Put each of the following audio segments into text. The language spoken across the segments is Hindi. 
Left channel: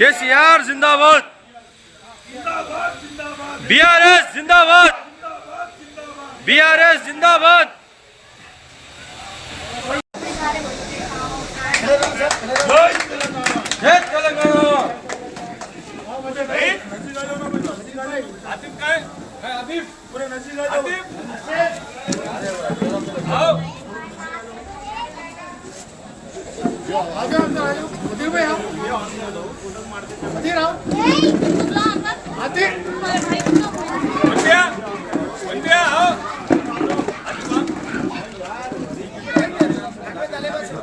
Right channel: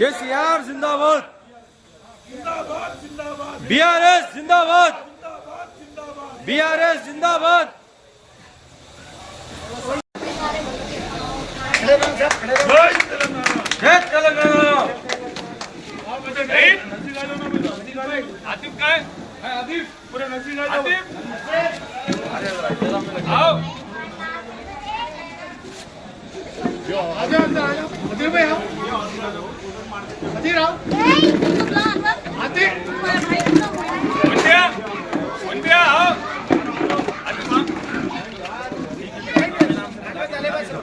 केसीआर जिंदाबाद, बीआरएस जिंदाबाद, बीआरएस जिंदाबाद। जय तेलंगाना। आतिफ काय? आतिफ पूरे नसीब आतिफ आओ आजाओ अंदर आजाओ उधर में आओ उधर आओ आतिफ बंदिया बंदिया आओ आतिफ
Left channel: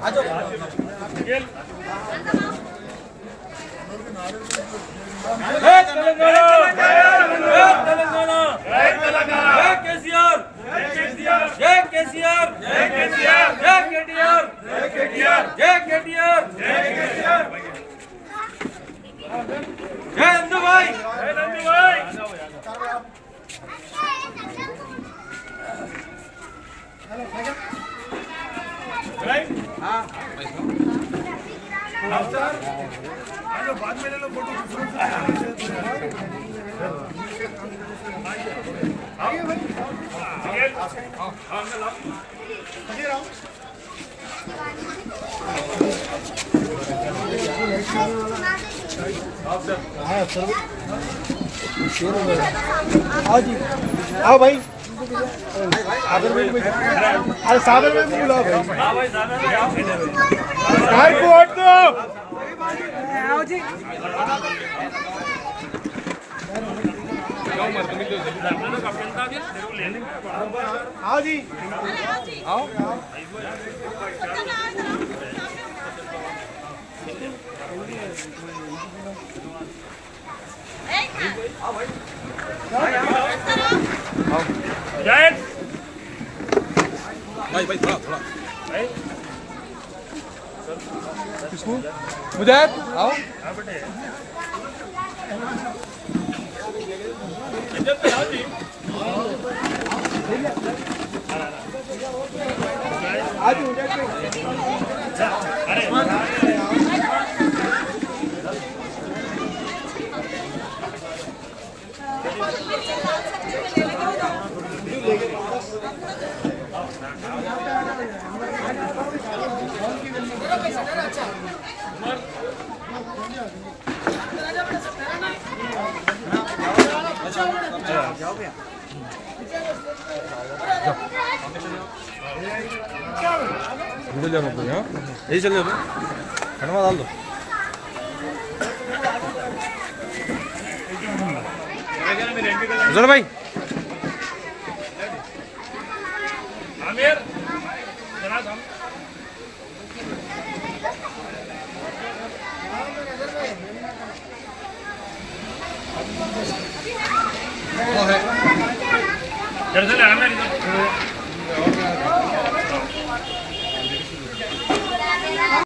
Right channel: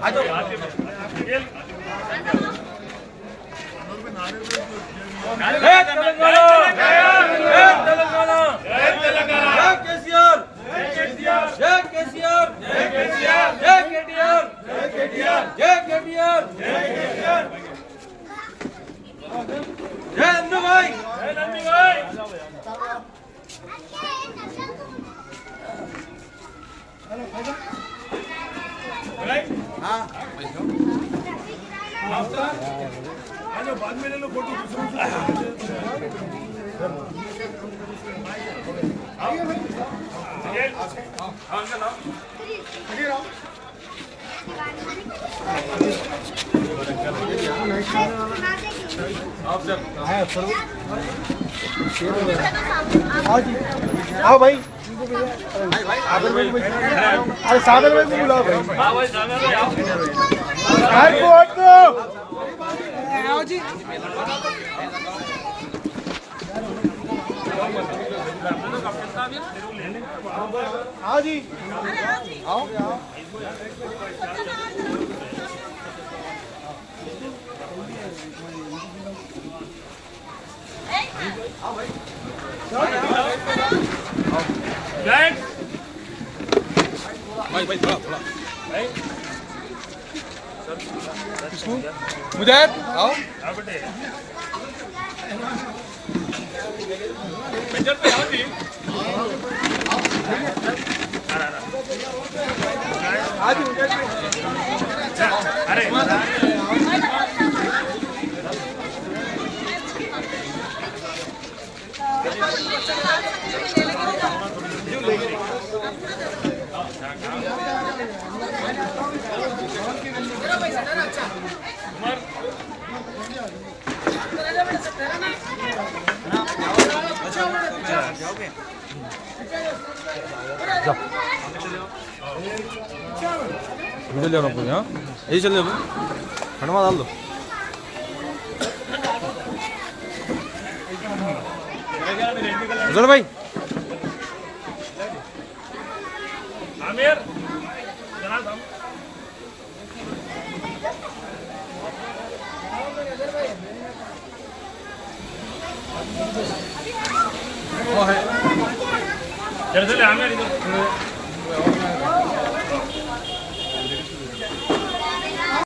आजाओ जय तेलंगाना, जय तेलंगाना, जय केसीआर, जय केसीआर, जय केसीआर, जय केसीआर, जय केटीआर, जय केटीआर, जय केटीआर, जय केटीआर, जय नंदू भाई, जय नंदू भाई। हाँ आज बाद में ले लो फोटो आओ भाई सागर में बुलाओ भाई। हाँ भाई सागर में आओ वोट दो। आओ जी आओ जी आओ भाई भाई थोड़ा थोड़ा किसको मुजाहिद आओ बेटे पेंजल पे आओ जी आज मुजाहिद पे अरे गूगल जाना पड़ेगा यही चल जाओ खनवा डाल दो भाई आमिर जनाब